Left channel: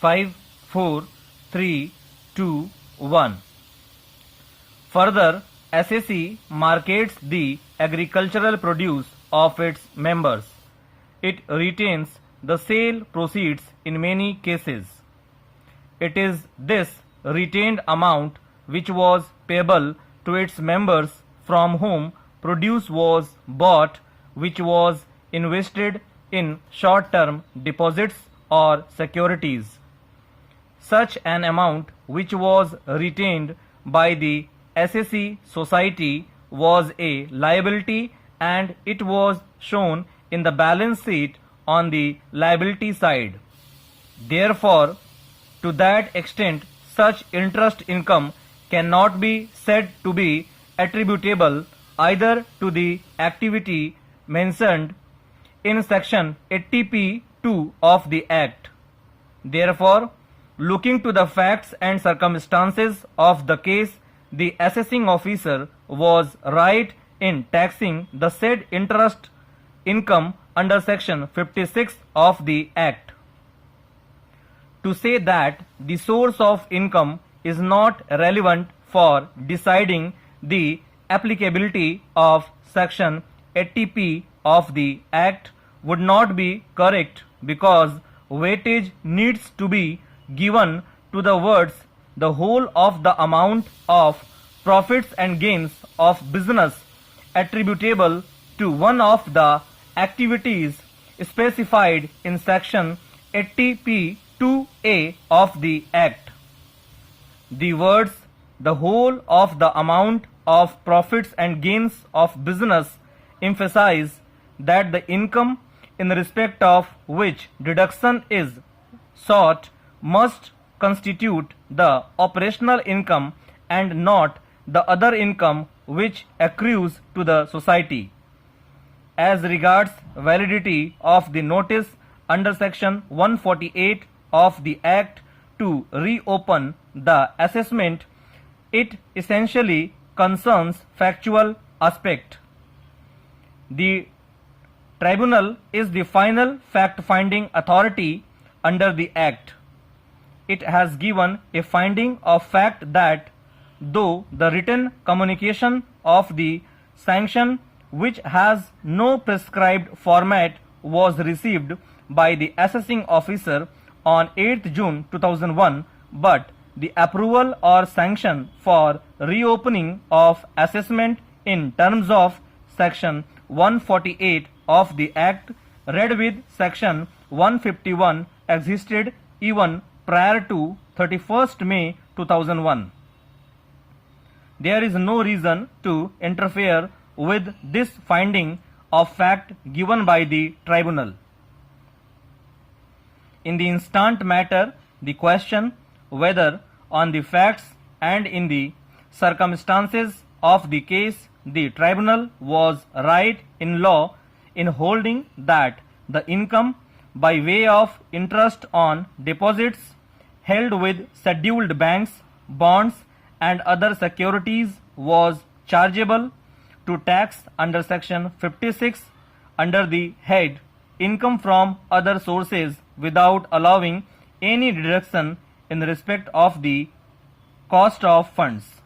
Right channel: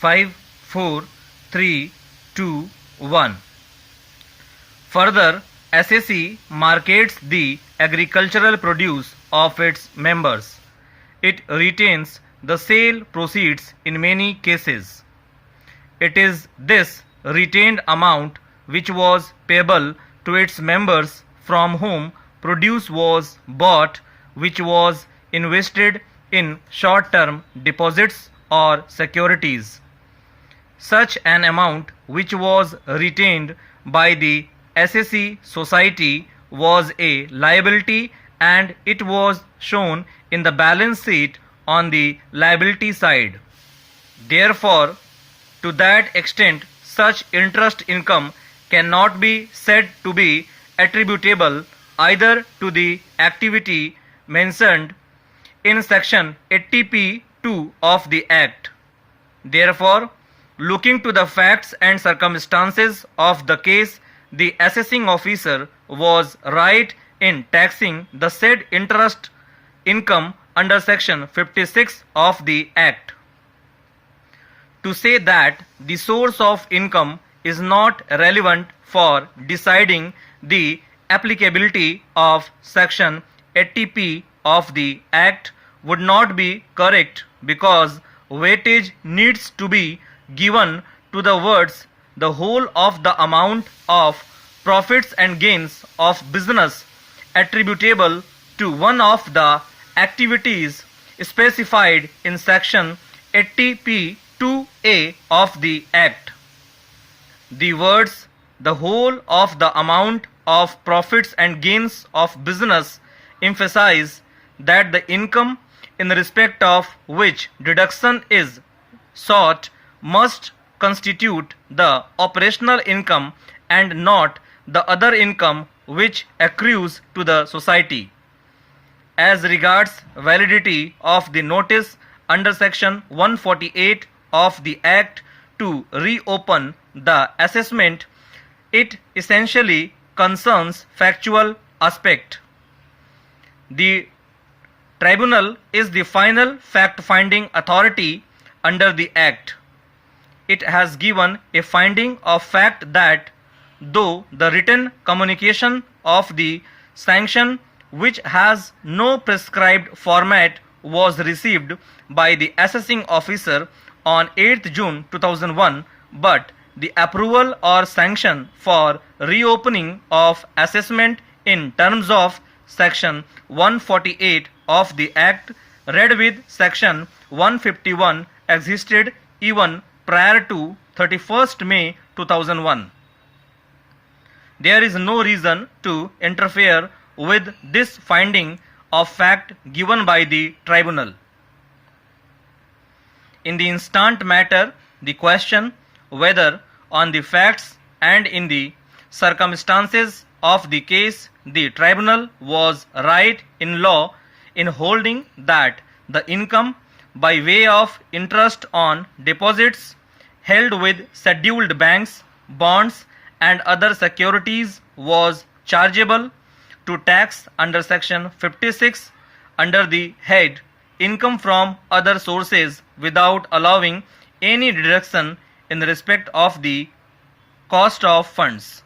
5, 4, 3, 2, 1. Further, SAC markets the agricultural produce of its members. It retains the sale proceeds in many cases. It is this retained amount which was payable to its members from whom produce was bought, which was invested in short-term deposits or securities. Such an amount which was retained by the SAC Society was a liability, and it was shown in the balance sheet on the liability side. Therefore, to that extent, such interest income cannot be said to be attributable either to the activity mentioned in section 80p(2) of the Act. Therefore, looking to the facts and circumstances of the case, the assessing officer was right in taxing the said interest income under section 56 of the Act. To say that the source of income is not relevant for deciding the applicability of section 80p of the Act would not be correct, because weightage needs to be given to the words "the whole of the amount of profits and gains of business attributable to one of the activities specified in section 80p(2)(a) of the Act." The words "the whole of the amount of profits and gains of business" emphasize that the income in respect of which deduction is sought must constitute the operational income and not the other income which accrues to the society. As regards validity of the notice under section 148 of the Act to reopen the assessment, it essentially concerns factual aspect. The tribunal is the final fact-finding authority under the Act. It has given a finding of fact that though the written communication of the sanction, which has no prescribed format, was received by the assessing officer on 8th June 2001, but the approval or sanction for reopening of assessment in terms of section 148 of the Act read with section 151 existed even prior to 31st May 2001. There is no reason to interfere with this finding of fact given by the tribunal. In the instant matter, the question whether on the facts and in the circumstances of the case the tribunal was right in law in holding that the income by way of interest on deposits held with scheduled banks, bonds and other securities was chargeable to tax under section 56 under the head income from other sources without allowing any deduction in respect of the cost of funds.